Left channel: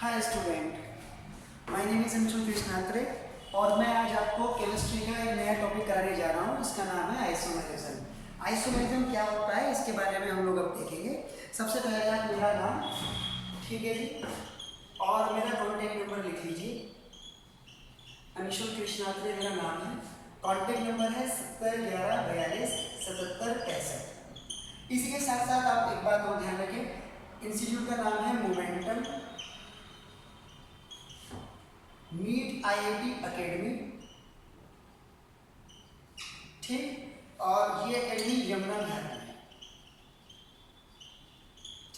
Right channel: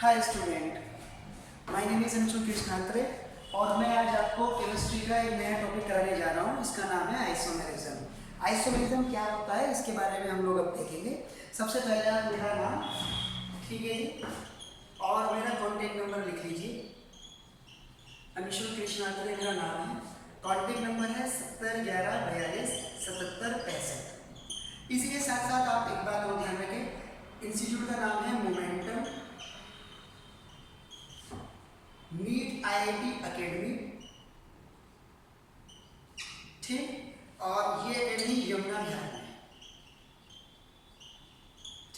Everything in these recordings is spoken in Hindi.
Hi student, my name is Anshu Krishnantare और मैं आज आपको केमिस्ट्री का एक नया टॉपिक कराने जा रहा हूँ। इसका नाम है आइसोमेरिज्म। आइसोमेरिज्म क्या होता है इसके बारे में हम लोग अब देखेंगे। सबसे पहले आप मेरा नाम, ठीक है जी, और मेरा कॉन्टैक्ट नंबर लिख लीजिए। अंशु कृष्णांतरे मेरा नाम है, कॉन्टैक्ट नंबर है 7011427765। इसी के साथ साथ आप एक बात और ध्यान रखें, इंस्टीट्यूट का नाम है मोमेंटम नीट आईआईटी एकेडमी, ठीक। और ये एकेडमी यमुना विहार में है,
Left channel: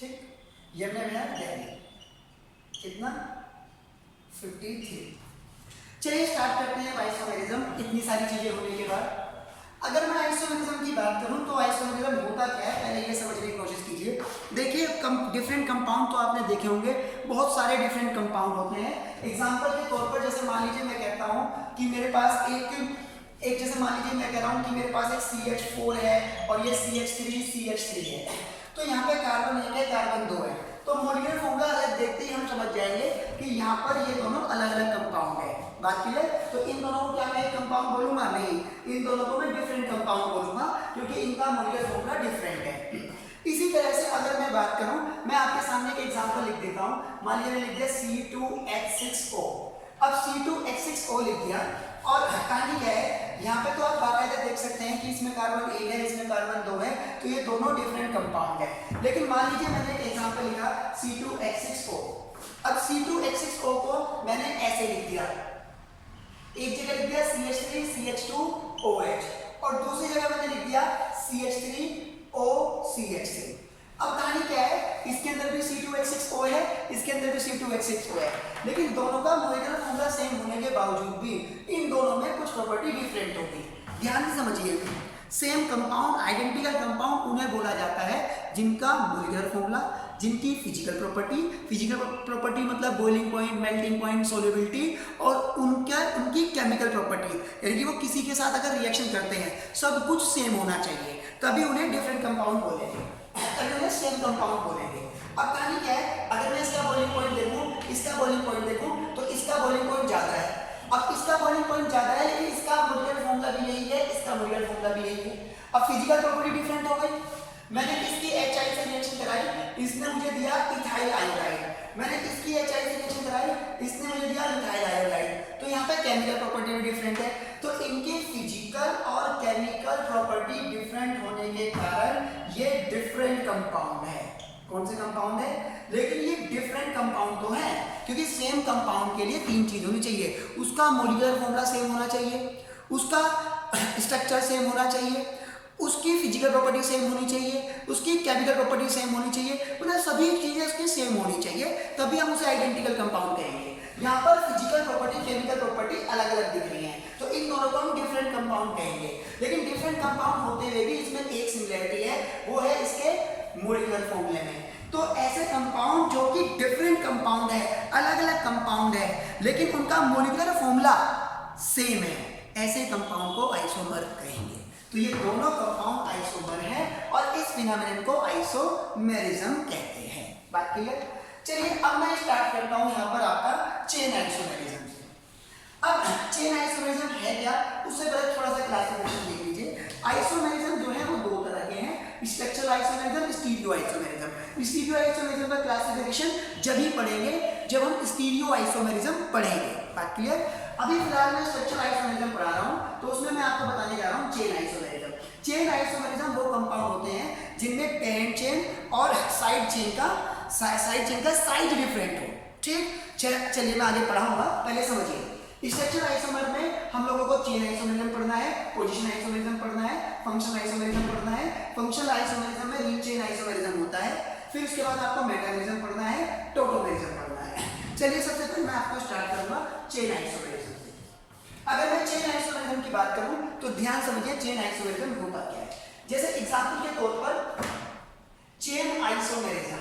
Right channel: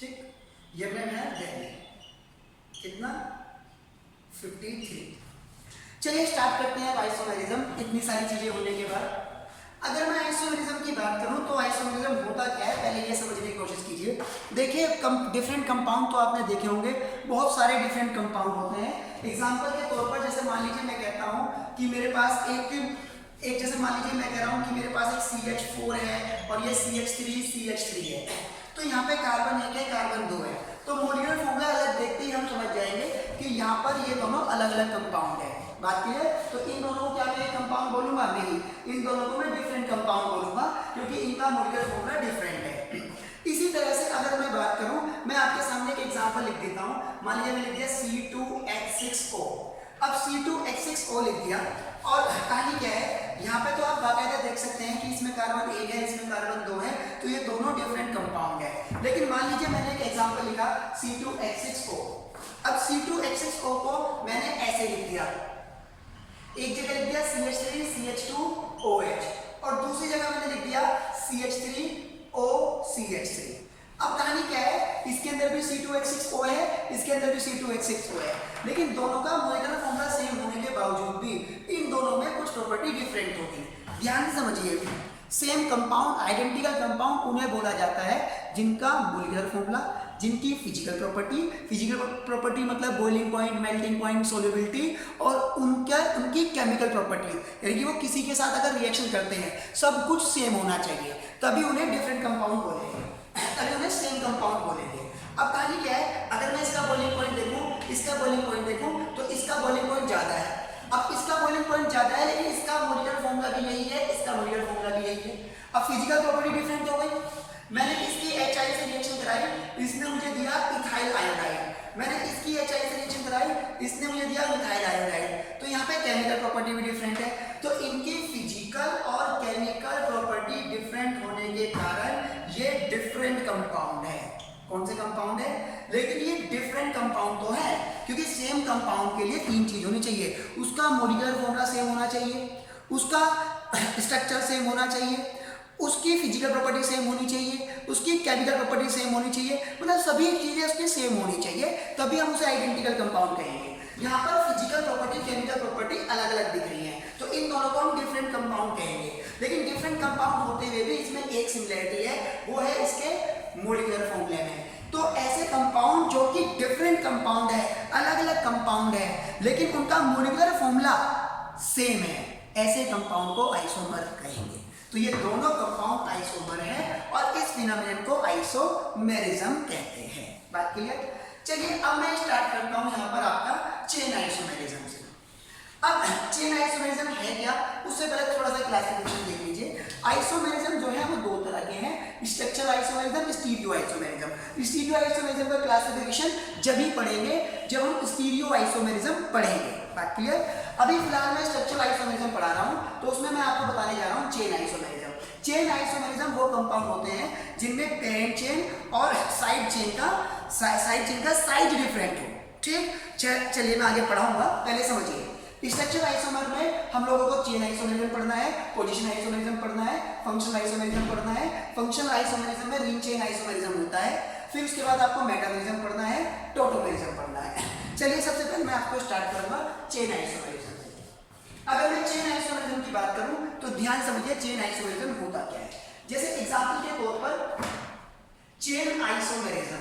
ठीक, यमुना विहार दिल्ली। कितना? 53। चलिए स्टार्ट करते हैं आइसोमेरिज्म। इतनी सारी चीजें होने के बाद अगर मैं आइसोमेरिज्म की बात करूं तो आइसोमेरिज्म होता क्या है, पहले ये समझने की कोशिश कीजिए। देखिए, डिफरेंट कंपाउंड तो आपने देखे होंगे, बहुत सारे डिफरेंट कंपाउंड होते हैं। एग्जांपल के तौर पर जैसे मान लीजिए मैं कहता हूं कि मेरे पास एक जैसे मान लीजिए मैं कह रहा हूं कि मेरे पास एक CH4 है और ये CH3 है। तो यहाँ पे कार्बन 1 है, कार्बन 2 है, तो मॉलिक्यूलर फॉर्मूला अलग देखते ही हम समझ जाएंगे कि यहाँ पर ये दोनों अलग अलग कंपाउंड है। बात क्लियर? तो इन दोनों को क्या मैं एक कंपाउंड बोलूंगा? नहीं, इन दोनों को मैं डिफरेंट कंपाउंड बोलूंगा क्योंकि इनका मॉलिक्यूलर फॉर्मूला डिफरेंट है। इसी तरह से अगर मैं बात करूं, मैं आपके सामने एक एग्जांपल लिख देता हूं। मान लीजिए मैंने लिख दिया C2H6O। अब C2H6O लिख दिया और कहानी क्या है, यहाँ पे तो आप बाकायदा देख सकते हैं कि इसमें कार्बन 1 है, इसमें कार्बन 2 है, तो ये दोनों डिफरेंट कंपाउंड है। लेकिन मान लीजिए मैंने एक एग्जांपल लिखा C2H6O। अब C2H6O को मैंने ऐसे लिख दिया, एक जगह लिख दिया CH3CH2OH और दूसरी जगह मैंने लिख दिया CH3OCH3। अब कहानी क्या है, इसके अंदर भी C2H6O है, इसके अंदर भी C2H6O है, लेकिन दोनों का मॉलिक्यूलर फॉर्मूला सेम होने के बावजूद भी इन दोनों में कुछ प्रॉपर्टी डिफरेंट होगी। ध्यान से समझिए, सेम कंपाउंड, आइडेंटिकल कंपाउंड उन्हें बोला जाता है जिनका मॉलिक्यूलर फॉर्मूला, जिनकी फिजिकल प्रॉपर्टी मतलब boiling point, melting point, solubility और उनकी केमिकल प्रॉपर्टी, यानी कि वो किसी के साथ अगर रिएक्शन करते हैं सब कुछ सेम होना चाहिए, तभी उन्हें डिफरेंट कंपाउंड बोलेंगे, तभी उन्हें सेम कंपाउंड बोलेंगे। अब कहानी क्या है, अगर मैं इसका बॉइलिंग पॉइंट देखूं, इसका बॉइलिंग पॉइंट देखूं, तो इसका बॉइलिंग पॉइंट ज्यादा है। अब इसका बॉइलिंग पॉइंट ज्यादा है लेकिन इसका मॉलिक्यूलर फॉर्मूला भी यही है, इसका मॉलिक्यूलर फॉर्मूला भी यही है। अब फिजिकल प्रॉपर्टी डिफरेंट हो गई। मैंने इसकी HI से रिएक्शन कराई, इसने मुझे दिया इथाइल आयोडाइड। मैंने इसकी HI से रिएक्शन कराई, इसने मुझे दिया मिथाइल आयोडाइड। तो यहाँ पे केमिकल प्रॉपर्टी भी डिफरेंट है। तो इनकी फिजिकल और केमिकल प्रॉपर्टी डिफरेंट होने के कारण ये डिफरेंट कंपाउंड है। कौन से कंपाउंड है? लेकिन ये डिफरेंट कंपाउंड तो है, क्योंकि सेम कंपाउंड के लिए 3 चीज होनी चाहिए। उसका मॉलिक्यूलर फॉर्मूला सेम होना चाहिए, उसका स्ट्रक्चर सेम होना चाहिए, उसकी फिजिकल प्रॉपर्टी सेम होनी चाहिए, उसकी केमिकल प्रॉपर्टी सेम होनी चाहिए, मतलब सभी चीजें उसकी सेम होनी चाहिए, तभी हम उसे आइडेंटिकल कंपाउंड कहेंगे। यहाँ पर फिजिकल प्रॉपर्टी, केमिकल प्रॉपर्टी अलग अलग दिख रही हैं, तो इन दोनों को हम डिफरेंट कंपाउंड कहेंगे। लेकिन डिफरेंट कंपाउंड होते हुए भी इसमें एक सिमिलरिटी है, वो है इसके मॉलिक्यूलर फॉर्मूले में। तो ऐसे कंपाउंड जो कि डिफरेंट कंपाउंड है, अलग अलग कंपाउंड है, लेकिन उनका मॉलिक्यूलर फॉर्मूला सेम है, ऐसे कंपाउंड को आइसोमर कहेंगे। तो ये दोनों कंपाउंड आइसोमर हैं और इस फिनोमेनन को आइसोमेरिज्म कहते हैं। बात क्लियर? चलिए अब मैं स्टार्ट करता हूं यहाँ पर आपका चेन आइसोमेरिज्म से। अब चेन आइसोमेरिज्म है क्या, उससे पहले थोड़ा सा क्लासिफिकेशन देख लीजिए। आइसोमेरिज्म जो है वो 2 तरह के हैं, structural isomerism, stereo isomerism. Stereo isomerism का क्लासिफिकेशन जब ही पढ़ेंगे जब हम स्टीरियो आइसोमेरिज्म पढ़ेंगे। बात क्लियर? अभी फिलहाल मैं स्ट्रक्चरल आइसोमेरिज्म पढ़ा रहा हूं, तो उसमें मैं आपको बताने जा रहा हूं चेन आइसोमेरिज्म। चेन आइसोमेरिज्म वो कंपाउंड होते हैं जिनमें पेरेंट चेन और साइड चेन का साइज डिफरेंट हो। ठीक, चलिए मैं आगे पढ़ाऊंगा, पहले समझिए। स्ट्रक्चरल आइसोमर में हम लोगों को चेन आइसोमेरिज्म पढ़ना है, पोजीशन आइसोमेरिज्म पढ़ना है, फंक्शनल आइसोमेरिज्म पढ़ना है। फंक्शनल आइसोमेरिज्म में रिंग चेन आइसोमेरिज्म होता है, फिर उसके बाद आपको मेटामेरिज्म पढ़ना है, टोटोमेरिज्म पढ़ना है। चलिए सबसे पहले मैं आपको स्टार्ट करूंगा चेन आइसोमेरिज्म से। अगर मैं चेन आइसोमेरिज्म की बात करूं तो ध्यान समझिए चेन आइसोमेरिज्म होता क्या है। जैसे एग्जांपल के तौर पर चेन आइसोमेरिज्म,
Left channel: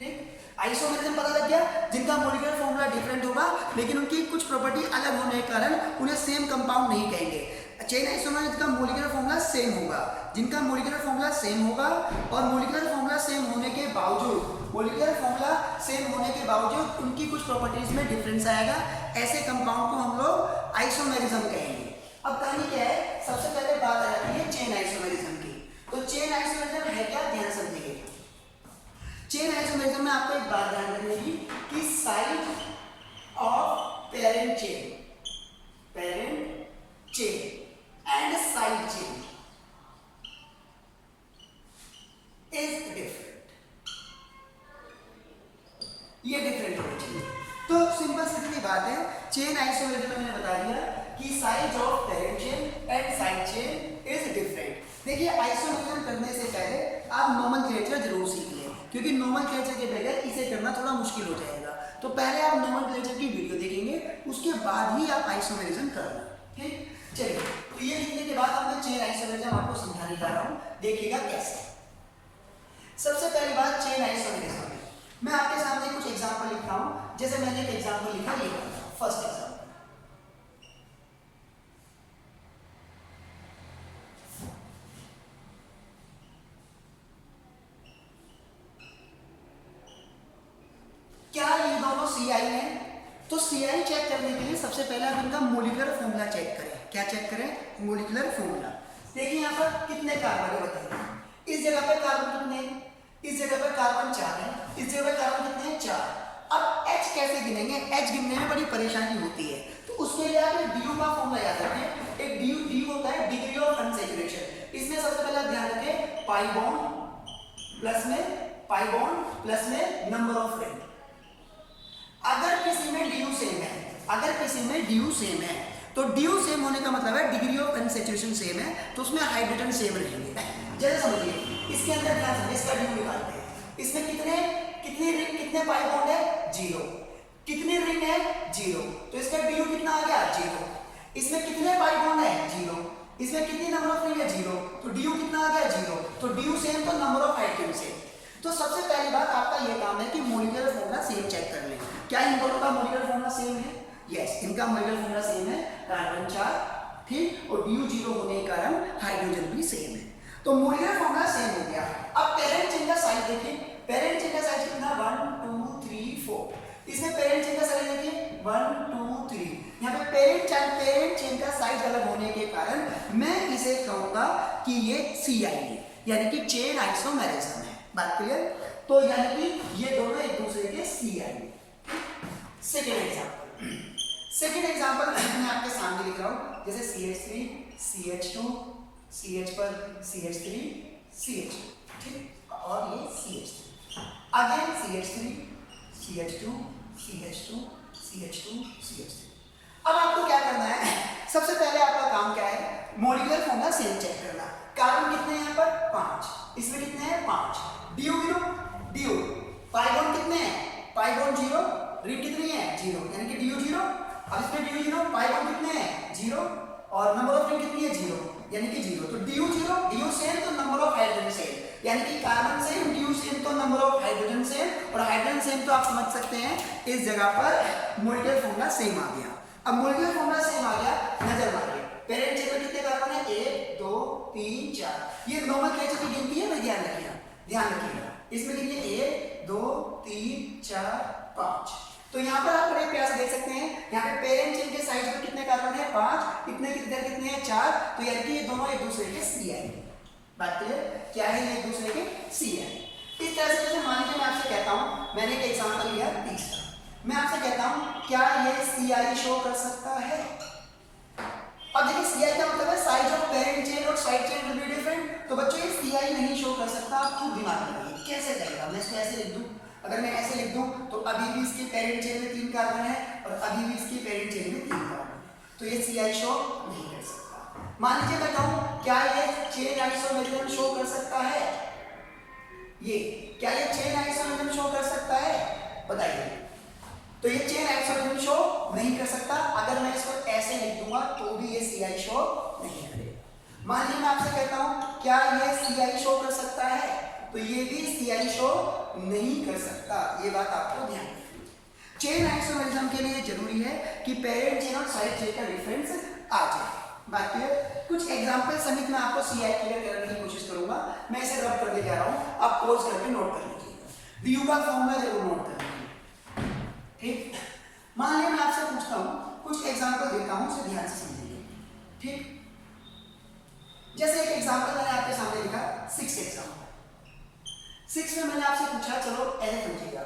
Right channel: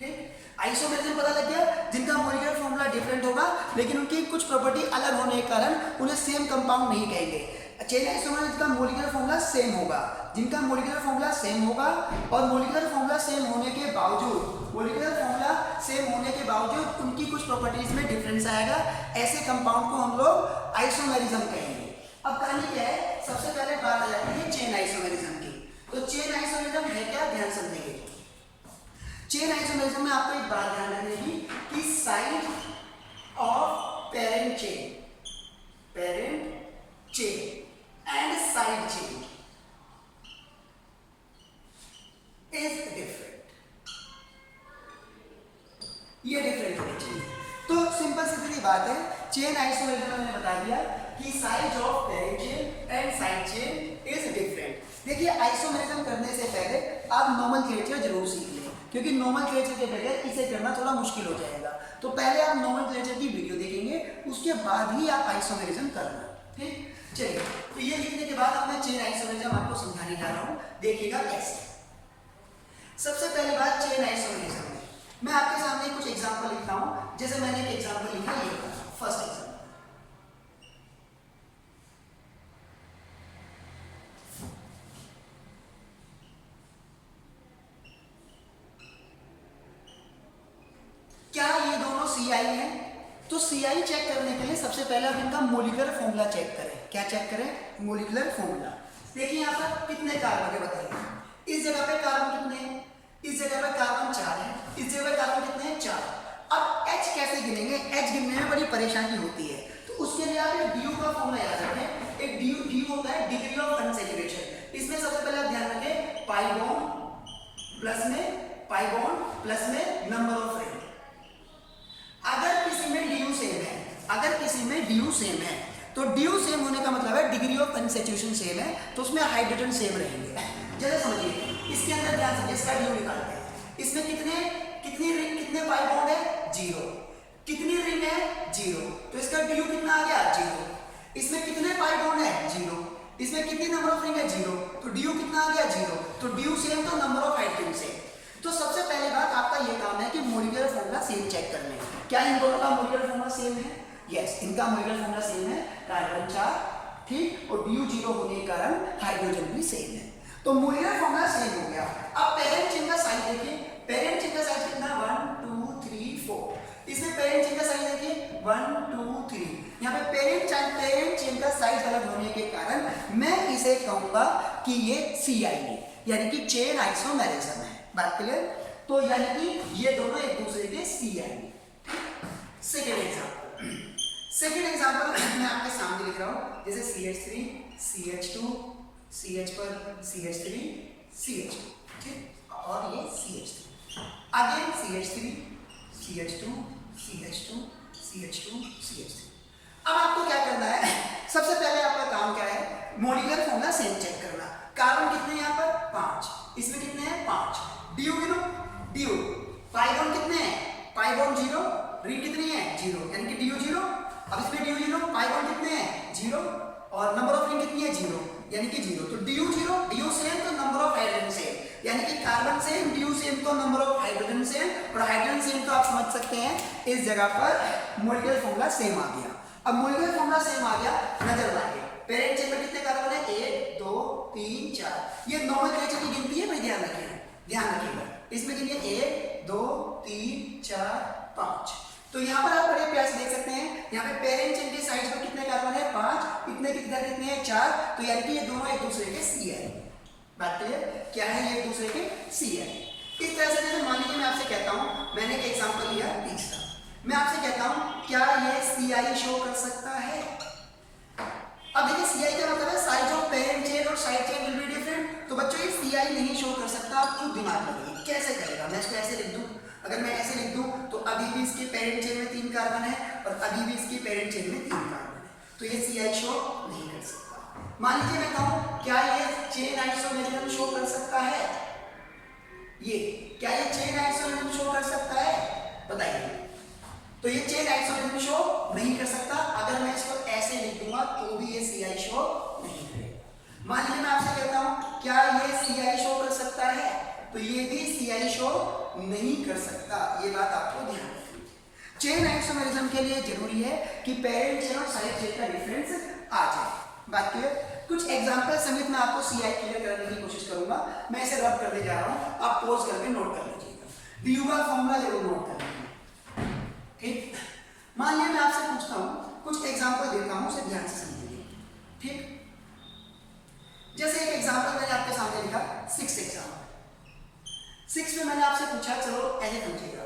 ठीक, आइसोमेरिज्म पता लग गया, जिनका मॉलिक्यूलर फॉर्मूला डिफरेंट होगा लेकिन उनकी कुछ प्रॉपर्टी अलग होने के कारण उन्हें सेम कंपाउंड नहीं कहेंगे। चेन आइसोमर का मॉलिक्यूलर फॉर्मूला सेम होगा, जिनका मॉलिक्यूलर फॉर्मूला सेम होगा और मॉलिक्यूलर फॉर्मूला फॉर्मूला सेम होने के बावजूद उनकी कुछ प्रॉपर्टीज में डिफरेंस आएगा। ऐसे कंपाउंड को हम लोग आइसोमेरिज्म कहेंगे। अब कहानी क्या है, सबसे पहले बात आ जाती है चेन आइसोमेरिज्म की। तो चेन आइसोमेरिज्म है क्या, ध्यान समझिए। चेन आइसोमेरिज्म में आपको एक बात ध्यान रखने की कि side of parent chain and side chain is different. ये डिफरेंट होनी चाहिए। तो सिंपल सी बात है, चेन आइसोमेरिज्म में मैंने बता दिया कि side of parent chain and side chain is different. देखिए, आइसोमेरिज्म करने से पहले आप नोमेनक्लेचर जरूर सीख लें, क्योंकि नोमेनक्लेचर के बगैर इसे करना थोड़ा मुश्किल हो जाएगा। तो पहले आप नोमेनक्लेचर की वीडियो देखेंगे, उसके बाद ही आप आइसोमेरिज्म करना। ठीक, चलिए। तो ये लिखने के बाद अब मैं चेन आइसोमेरिज्म आपको समझाने जा रहा हूं, देखिएगा कैसे। सबसे पहली बात चेन आइसोमेरिज्म में मैं आपके सामने कुछ एग्जांपल लिखता हूं। जैसे मैंने एक एग्जांपल लिखा, ये फर्स्ट एग्जांपल। क्या ये दोनों CI हैं? तो CI चेक करने के लिए सबसे पहले आप इनका मोलिकुलर फॉर्मूला चेक करें। क्या चेक करें? Molecular formula. देखिए यहाँ पर कितने कार्बन है बताइए। इस जगह पे कार्बन कितने हैं? इस जगह पे कार्बन 4 है, इस जगह पे कार्बन कितने हैं? 4। अब H कैसे गिनेंगे? H गिनने में बड़ी परेशानी होती है, तो उसके लिए आप एक DU का फॉर्मूला याद रखें। एक DU होता है डिग्री ऑफ अनसैचुरेशन। इसमें सबसे पहले आप ध्यान रखें पाई बॉन्ड प्लस में नंबर ऑफ रिंग। अगर किसी में DU सेम है, तो DU सेम होने का मतलब है डिग्री ऑफ अनसैचुरेशन सेम है, तो उसमें हाइड्रोजन सेम रहेंगे। जैसे समझिए, इसके अंदर ध्यान से इसका DU निकालते हैं। इसमें कितने पाई बॉन्ड है? 0। कितनी रिंग है? 0। तो इसका DU कितना आ गया? 0। इसमें कितने पाई बॉन्ड है? 0। इसमें कितनी नंबर ऑफ रिंग है? 0। तो DU कितना आ गया? 0। तो DU सेम, तो नंबर ऑफ हाइड्रोजन सेम। तो सबसे पहली बात आपका ये काम है कि मोलिकुलर फॉर्मूला सेम चेक कर लें। क्या इन दोनों का मोलिकुलर फॉर्मूला सेम है? यस, इनका मोलिकुलर फॉर्मूला सेम है, कार्बन 4, ठीक, और DU 0 होने के कारण हाइड्रोजन भी सेम है। तो मोलिकुलर फॉर्मूला सेम हो गया। अब पेरेंट चेन का साइज देखिए। पेरेंट चेन का साइज कितना? 1 2 3 4। इसमें पेरेंट चेन का साइज देखिए 1 2 3। यहाँ पे पेरेंट चेन का साइज अलग होने के कारण मैं इसे कहूंगा कि ये CI है, यानी कि चेन आइसोमेरिज्म है। बात क्लियर? तो यानी कि ये दोनों एक दूसरे के CI है। सेकेंड एग्जांपल मैं आपके सामने लिख रहा हूं। जैसे CH3 CH2 CH पर CH3 CH2, ठीक, और ये CH3 again CH3 CH2 CH2 CH2 CH3। अब आपको क्या करना है? सबसे पहले आपका काम क्या है? मोलिकुलर फॉर्मूला सेम चेक करना। कार्बन कितने हैं यहाँ पर? 5। इसमें कितने हैं? 5। DU गिनो, DU पाई बॉन्ड कितने हैं? पाई बॉन्ड 0, रिंग कितनी है? 0, यानी कि DU 0। अब इसमें DU 0, पाई बॉन्ड कितने हैं? 0, और नंबर ऑफ रिंग कितनी है? 0, यानी कि 0। तो DU 0, DU सेम, तो नंबर ऑफ हाइड्रोजन सेम, यानी कि कार्बन सेम, DU सेम, तो नंबर ऑफ हाइड्रोजन सेम, और हाइड्रोजन सेम तो आप समझ सकते हैं इस जगह पर मोलिकुलर फॉर्मूला सेम आ गया। अब मोलिकुलर फॉर्मूला सेम आ गया, नजर मारिए पेरेंट चेन में कितने कार्बन है? 1 2 3 4। ये नोमेनक्लेचर की गिनती है भाई, ध्यान रखिएगा। इसमें कितनी है? 1 2 3 4 5। तो यहाँ पर आप बड़े प्यार से देख सकते हैं, यहाँ पे पेरेंट चेन के साइज में कितने कार्बन है? 5। इतने इधर कितने हैं? 4। तो यानी कि ये दोनों एक दूसरे के CI। बात क्लियर? क्या है? ये एक दूसरे के CI। इस तरह से जैसे मान लीजिए मैं आपसे कहता हूँ, मैंने एक एग्जांपल लिया तीसरा, मैं आपसे कहता हूँ क्या ये CI शो कर सकता है? अब देखिए CI का मतलब है साइज ऑफ पेरेंट चेन और side chain will be different. तो बच्चों ये CI नहीं शो कर सकता, आप खुद दिमाग लगाइए कैसे करेगा। मैं इसको ऐसे लिख दूं, अगर मैं ऐसे लिख दूं तो अभी भी इसके पेरेंट चेन में 3 कार्बन है और अभी भी इसके पेरेंट चेन में 3 कार्बन है, तो ये CI शो नहीं कर सकता। मान लीजिए मैं कहूं क्या ये चेन आइसोमेरिज्म शो कर सकता है? क्या ये चेन आइसोमेरिज्म शो कर सकता है? बताइए। तो ये चेन आइसोमेरिज्म शो नहीं कर सकता। अगर मैं इसको ऐसे लिख दूंगा तो भी ये CI शो नहीं करेगा। मान लीजिए मैं आपसे कहता हूं क्या ये CI शो कर सकता है? तो ये भी CI शो नहीं कर सकता। ये बात आपको ध्यान रखनी है। चेन आइसोमेरिज्म के लिए जरूरी है कि पेरेंट चेन और साइड चेन का डिफरेंस आ जाए। बात क्लियर? कुछ एग्जांपल समेत मैं आपको CI क्लियर करने की कोशिश करूंगा। मैं इसे रब करने जा रहा हूं, आप पॉज करके नोट कर लीजिएगा। DU का फॉर्मूला जरूर नोट कर लीजिए, ठीक? मान लिया मैं आपसे पूछता हूं, कुछ एग्जांपल देता हूं, उसे ध्यान से समझिए, ठीक? जैसे एक एग्जांपल मैंने आपके सामने लिखा 6 एग्जांपल। 6 में मैंने आपसे पूछा, चलो ऐसे समझिएगा,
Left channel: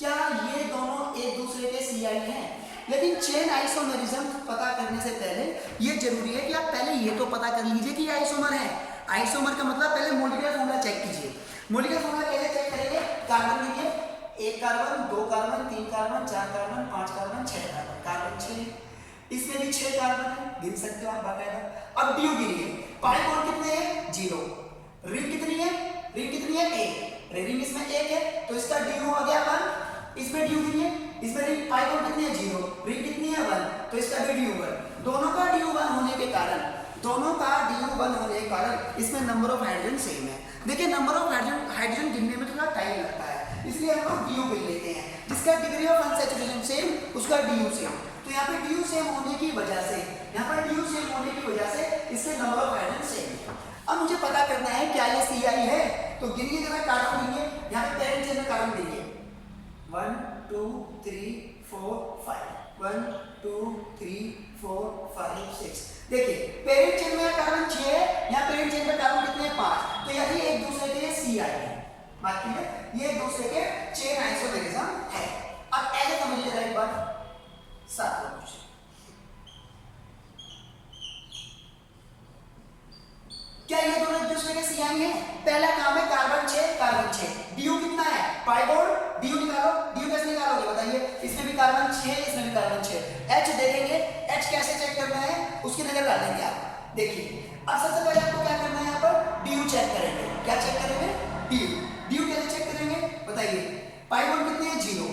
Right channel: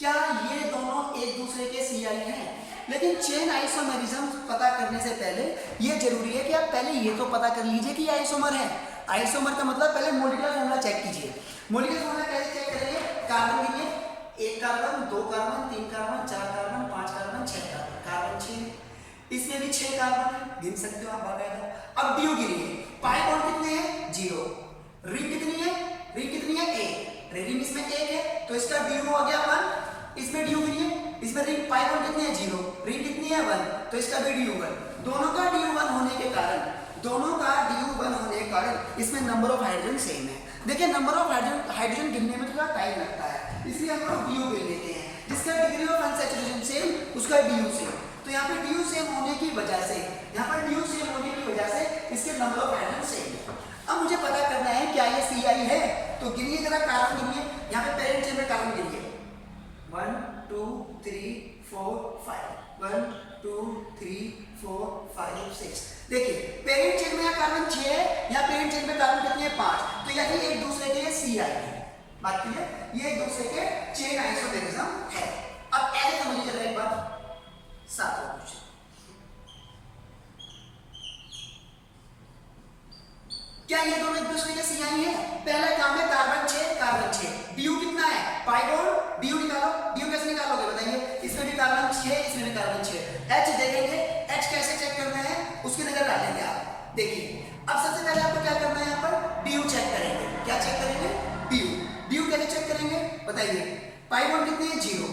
क्या ये दोनों एक दूसरे के CI हैं? लेकिन चेन आइसोमेरिज्म पता करने से पहले ये जरूरी है कि आप पहले ये तो पता कर लीजिए कि ये आइसोमर है। आइसोमर का मतलब पहले मॉलिक्यूलर फॉर्मूला चेक कीजिए। मॉलिक्यूलर फॉर्मूला कैसे चेक करेंगे? कार्बन के लिए 1 carbon, 2 carbon, 3 carbon, 4 carbon, 5 carbon, 6 carbon, carbon 6, इसमें भी 6 कार्बन है, गिन सकते हो आप बाकायदा। अब DU के लिए पाई बॉन्ड कितने हैं? 0। रिंग कितनी है? रिंग कितनी है? 1। रिंग इसमें 1 है तो इसका DU हो गया 1। इसमें DU कितनी है? इसमें रिंग पाई बॉन्ड कितनी है? 0। रिंग कितनी है? 1, तो इसका भी DU 1। दोनों का DU 1 होने के कारण इसमें नंबर ऑफ हाइड्रोजन सेम है। देखिए नंबर ऑफ हाइड्रोजन गिनने में थोड़ा टाइम लगता है, इसलिए हम लोग DU गिन लेते हैं। जिसका डिग्री ऑफ अनसैचुरेशन सेम उसका DU सेम। तो यहाँ पे DU सेम होने की वजह से, इसके नंबर ऑफ हाइड्रोजन सेम है। अब मुझे पता करना है क्या ये CI है, तो गिनिए जरा, कार्बन गिनिए। यहाँ पे पेरेंट चेन में कार्बन गिनिए, 1 2 3 4 5, 1 2 3 4 5 6। देखिए पेरेंट चेन में कार्बन 6 है, यहाँ पेरेंट चेन में कार्बन कितने हैं? 5। तो यानी एक दूसरे के CI है। बात क्लियर? ये एक दूसरे के चेन आइसोमेरिज्म है। अब ऐसे समझिए जरा एक बार, 7वां क्वेश्चन, क्या ये दोनों एक दूसरे के CI हैं? पहला काम है कार्बन 6, कार्बन 6। DU कितना है? पाई बॉन्ड, DU निकालो। DU कैसे निकालोगे बताइए? इसमें भी कार्बन 6, इसमें भी कार्बन 6। H देखेंगे, H कैसे चेक करना है उसकी नजर डालेंगे आप। देखिए अब सबसे पहले आपको क्या करना है, यहाँ पर DU चेक करेंगे। क्या चेक करेंगे? DU कैसे चेक करेंगे बताइए? पाई बॉन्ड कितनी है? 0।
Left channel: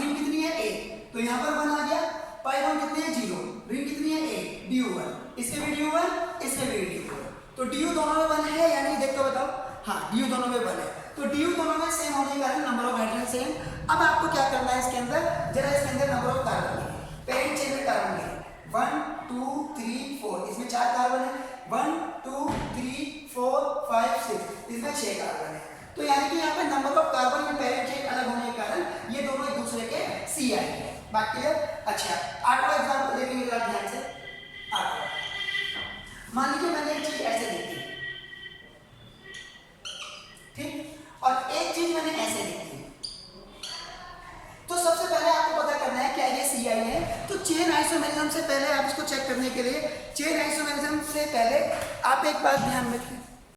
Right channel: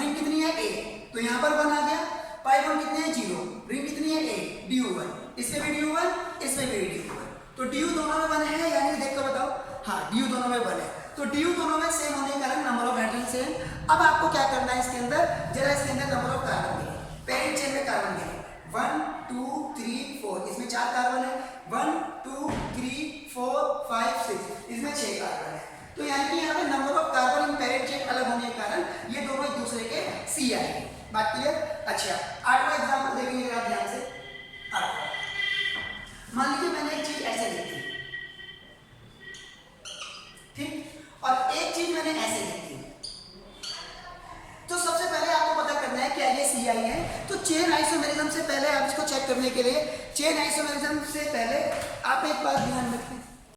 रिंग कितनी है? 1, तो यहाँ पर 1 आ गया। पाई बॉन्ड कितनी है? 0। रिंग कितनी है? 1। DU 1, इसमें भी DU 1, इसमें भी DU 1। तो DU दोनों में 1 है या नहीं, देख कर बताओ। हाँ, DU दोनों में 1 है। तो DU दोनों में सेम होने के कारण नंबर ऑफ हाइड्रोजन सेम। अब आपको क्या करना है इसके अंदर, जरा इसके अंदर नंबर ऑफ कार्बन देखिए। पेरेंट चेन में कार्बन देखिए, 1 2 3 4, इसमें 4 कार्बन है। 1 2 3 4 5 6, इसमें 6 कार्बन है। तो यानी कि यहाँ पे number of carbon in parent chain अलग होने के कारण ये दोनों एक दूसरे के CI है। बात क्लियर? अच्छा, 8वां एग्जाम्पल देखेंगे जरा ध्यान से। 8वां, मान लीजिए मैंने एक चीज ऐसे लिखी, ठीक, और एक चीज मैंने ऐसे लिखी। तो सबसे पहले आपको पता करना है क्या ये CI है। तो चेन आइसोमेरिज्म से पहले आप इसको चेक करने के लिए, चेन आइसोमेरिज्म से पहले आप एक बात ध्यान रखें,